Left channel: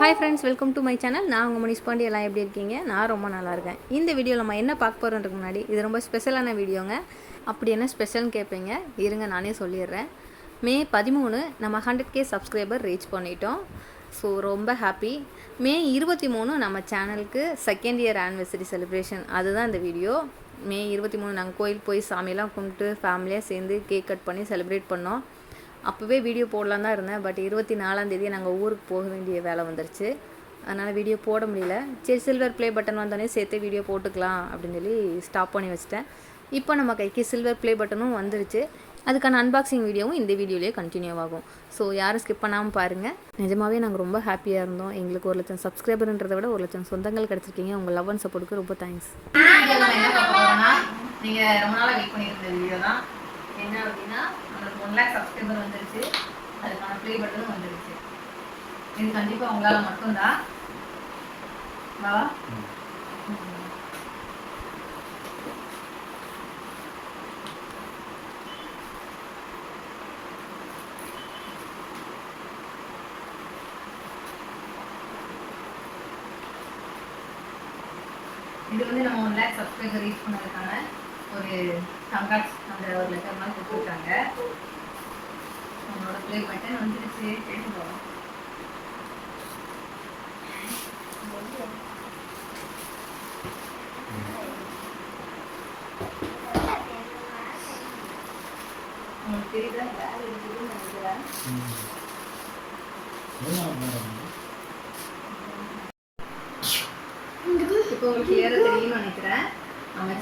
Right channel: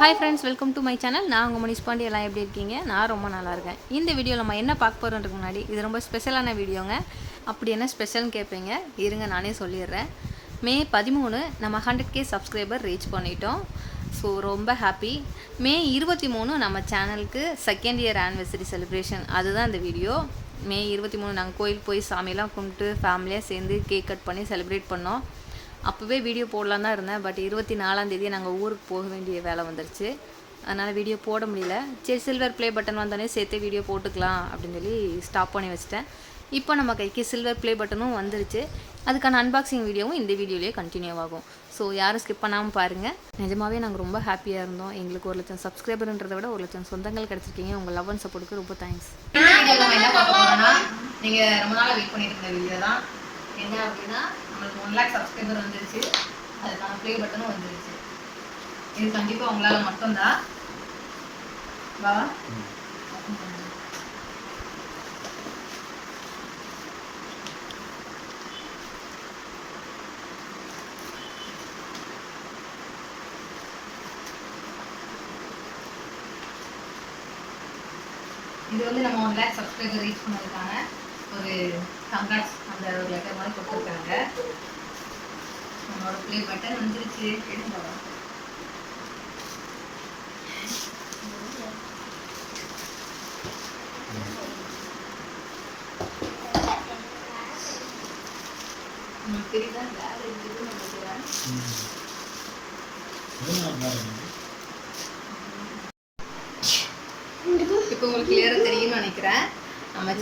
Hi friends welcome to my channel நான் உங்கள் மணிஷ் பாண்டி. எல்லாம் எப்படி இருக்கீங்க? நான் ரொம்ப நல்லா இருக்கேன். இந்த வீடியோவில் நம்ம என்ன பார்க்க போகிறோன்றதுக்கு முன்னாடி இது ரொம்ப ஸ்பெஷலான வீடியோங்க அப்படி என்ன ஸ்பெஷல்னு கேட்பீங்க இருங்க நானே சொல்லிடுறேன். மே பதிமூணு நம்ம ஹண்ட்ரட் கே சப்ஸ்கிரைபர் ரீச் பண்ணிட்டோம். ஸோ ரொம்ப ஹாப்பி மே இருபத்தி மூணு நம்ம சேனலுக்கு செகண்ட் இயர் ஆனிவர்சரி செலிப்ரேஷன் அதுதான் இந்த வீடியோ மே இருபத்தி மூணு நாங்கள் கோயில் போய் சாமியெல்லாம் கும்பிட்டு ஃபேமிலியாக சேர்ந்து கேக் கட் பண்ணி செலிப்ரேட் பண்ணோம். அப்போவே வீடியோ போடலாம் தான் இருந்தேன். பட் இருபத்தி நாலாந்தேதி நாங்கள் ஊருக்கு போக வேண்டிய வேலை வந்துருச்சு. அதனால் வீடியோ போட முடியல. சரி சில்வர் ப்ளே பட்டன் வந்தோடனே சேர்த்து வீடியோ போட்டுக்கலாம் அப்படின்னு சொல்லி ஸ்டாப் பண்ணி வச்சுட்டேன். இப்போ நம்ம கைக்கு சில்வர் ப்ளே பட்டனும் வந்துருச்சு. அதுக்கான அன்பாக்சிங் வீடியோவும் இந்த வீடியோலேயே கண்டினியூ ஆகும். ஸோ யாரும் ஸ்கிப் பண்ணாமல் பாருங்கள் நிஜமாவே நாங்கள் ரொம்ப ஹாப்பியாக இருந்தோம். எங்களுக்கு ஒரு லட்சம் சப்ஸ்கிரைபர்ன்றதை விட ஒரு லட்சம் சொந்தங்கள் கிடச்சிருக்கீங்க. உங்கள் லவ் அண்ட் சப்போர்ட்டுக்கு ரொம்ப தேங்க்ஸ் இந்த வீடியோ நம்ம என்ன பார்க்க போகிறோம்னா நீங்கள் ரொம்ப நாளாக வெயிட் பண்ணியிருந்த வீடியோ தான். என்ன அப்படின்னா நம்மளுக்கு ஒன் லேக் சப்ஸ்கிரைபர் வந்துருச்சு. அதுக்கான ப்ளே பட்டனும் வந்துருச்சு. இது கண்டிப்பா உங்களால மட்டும்தான் பாவா இது வந்து நம்ம ஒன் லேக் சப்ஸ்கிரைபர் ரீச் பண்ணதுக்கான ஒரு கங்க்ராட்ஸ் அந்த ஒரு லெட்டர் மாதிரி கொடுத்துருக்காங்க. நம்மளோட ப்ளே பட்டன் வந்துருச்சு. வா. உங்களுக்கு தெரியுதா? வேலை இருக்குதுன்னு நினைக்கிறேன் இப்போ உங்களுக்கு கிளியராக தெரியும்னு நினைக்கிறேன்.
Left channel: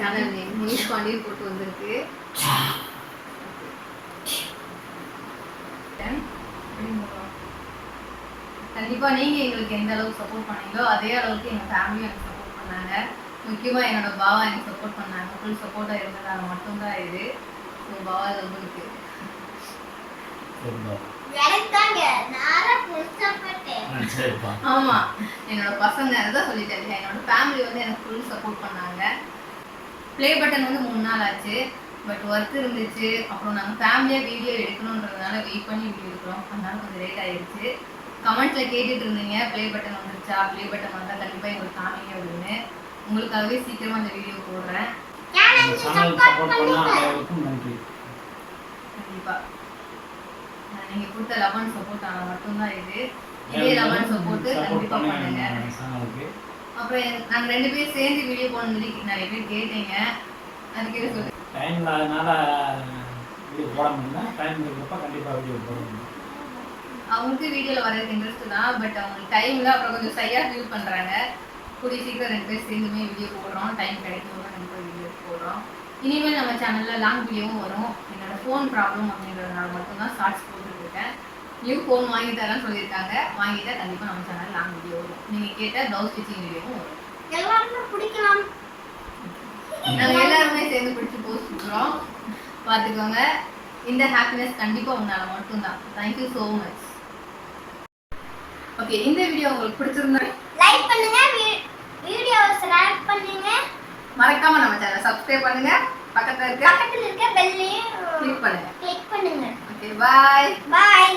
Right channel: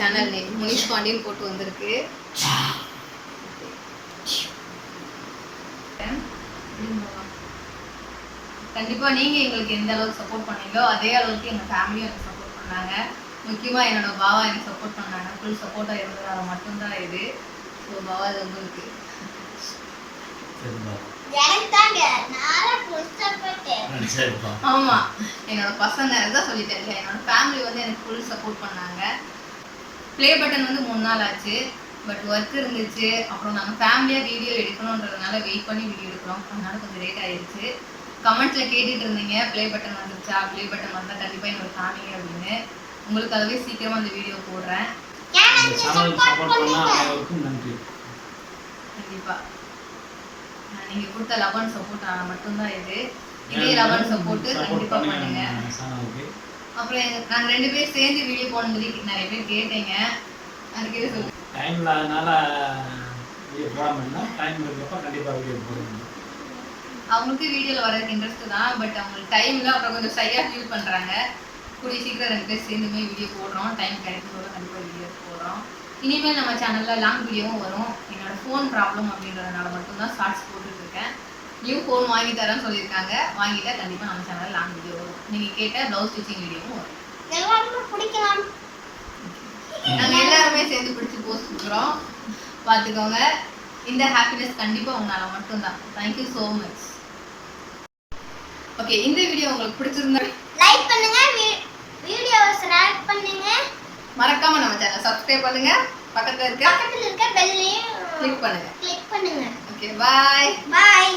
சேனல் நேம் முனிஷ் பாண்டியன் போட்டு வந்திருக்கு. கண்டிப்பா நீங்க எங்களுக்கு எந்த அளவுக்கு சப்போர்ட் பண்ணீங்களோ அதே அளவுக்கு எங்க ஃபேமிலியும் எனக்கு சப்போர்ட் பண்ணாங்க. முக்கியமா என்னோட பாவா எனக்கு சப்போர்ட் பண்ணாங்க. ஃபுல் சப்போர்ட்டா இருந்ததால மட்டும்தான் இது. ஸோ பாவா இது உங்களுக்கு. ஆமா. என்னோட பசங்க அதான் சொல்லிட்டேன் இல்லையா? என்னோட ஃபேமிலி வந்து எனக்கு ஃபுல் சப்போர்ட் பண்ணாங்க. ப்ளே பட்டன் வந்து மூணு நாள் ஆச்சு. பட் ஒர்க் இருந்துச்சு. அப்புறம் நாங்கள் ஃபேமிலியாக வீடியோ எடுக்கணுன்றதுனால வெயிட் பண்ணி வீடியோ எடுக்கிறோம். அதனால கொஞ்சம் லேட் ஆயிருச்சு. கமெண்ட்ல கேட்டுட்டு இருந்தீங்க ப்ளே பட்டன் வந்துருச்சா? ப்ளே பட்டன் வந்தால் கண்டிப்பாக எங்களுக்கு காமிங்க அப்படின்னு. உங்களுக்காகவே சீக்கிரமாக அந்த வீடியோ போடுறேன். இந்த சேனல் சப்போர்ட் பண்ண அனைவருக்கும் நன்றி. கண்டிப்பாக நீங்கள் கொடுத்த லவ் அண்ட் சப்போர்ட் மட்டும்தான் இது. இதே லவ் அண்ட் சப்போர்ட்டு கண்டிப்பாக பண்ணுங்க சேனலுக்கு அப்புறம் எங்க- நாங்க ரெண்டு பேரும் சேர்ந்து வீடியோ போடணும்னு சொல்லி நிறைய பேர் கேட்டீங்க. அதுக்கு இது சொல்லு டைம் இல்லாதனால வீடியோ போட முடியல. டைம் இருக்கிறப்ப கண்டிப்பாக வீடியோ போடுவோம் அவங்களுக்கு வீடியோல வரதுக்கு இன்ட்ரெஸ்ட் தான் பட் அவங்களுக்கு டைம்ல அப்புறம் கொஞ்சம் சரியா ஃபீல் பண்றாங்க. கூடிய சீக்கிரம் ரெண்டு பேர் சேர்ந்துமே வீடியோ போடுறோம். டைம் கிடைக்கும் போது கண்டிப்பா வீடியோ போடுறோம். இனிமேல் நம்ம சேனல்ல லாங் வீடியோவும் வரும். என்னோட ஃபோன் ப்ராப்ளம் அப்படின்றதுனால மட்டும்தான் ஷார்ட்ஸ் போட்டுட்டு இருக்கேன். நியூ ஃபோன் வாங்கி தரேன்னு சொல்லியிருக்காங்க. வாங்கிட்டா கண்டிப்பா நம்ம சேனல் லாங் வீடியோ வரும். நீங்க கேட்ட ப்ளவுஸ் ஸ்டிச்சிங் வீடியோவும் வரும். எல்லாருக்கும் பிடிக்கலாம். நாங்க எல்லாருமே சேர்ந்து பிடிச்சி போஸ்ட் கொடுக்குறோம். பார்த்துக்கோங்க. இந்த ஹாப்பினஸ் கண்டிப்பா உங்களால மட்டும்தான். Thank you so much okay இந்த வீடியோ உங்களுக்கு பிடிச்சிருந்தா லைக் பண்ணுங்க. வீடியோஸ் லைக் பண்ணுங்க. மறக்காம நம்ம சேனல் சப்ஸ்கிரைப் பண்ணுங்க. பக்கத்துல இருக்க பக்கத்துல இருக்க பெல்லையும் கிளிக் பண்ணுங்க. கிளிக் பண்ணுங்க. Okay bye bye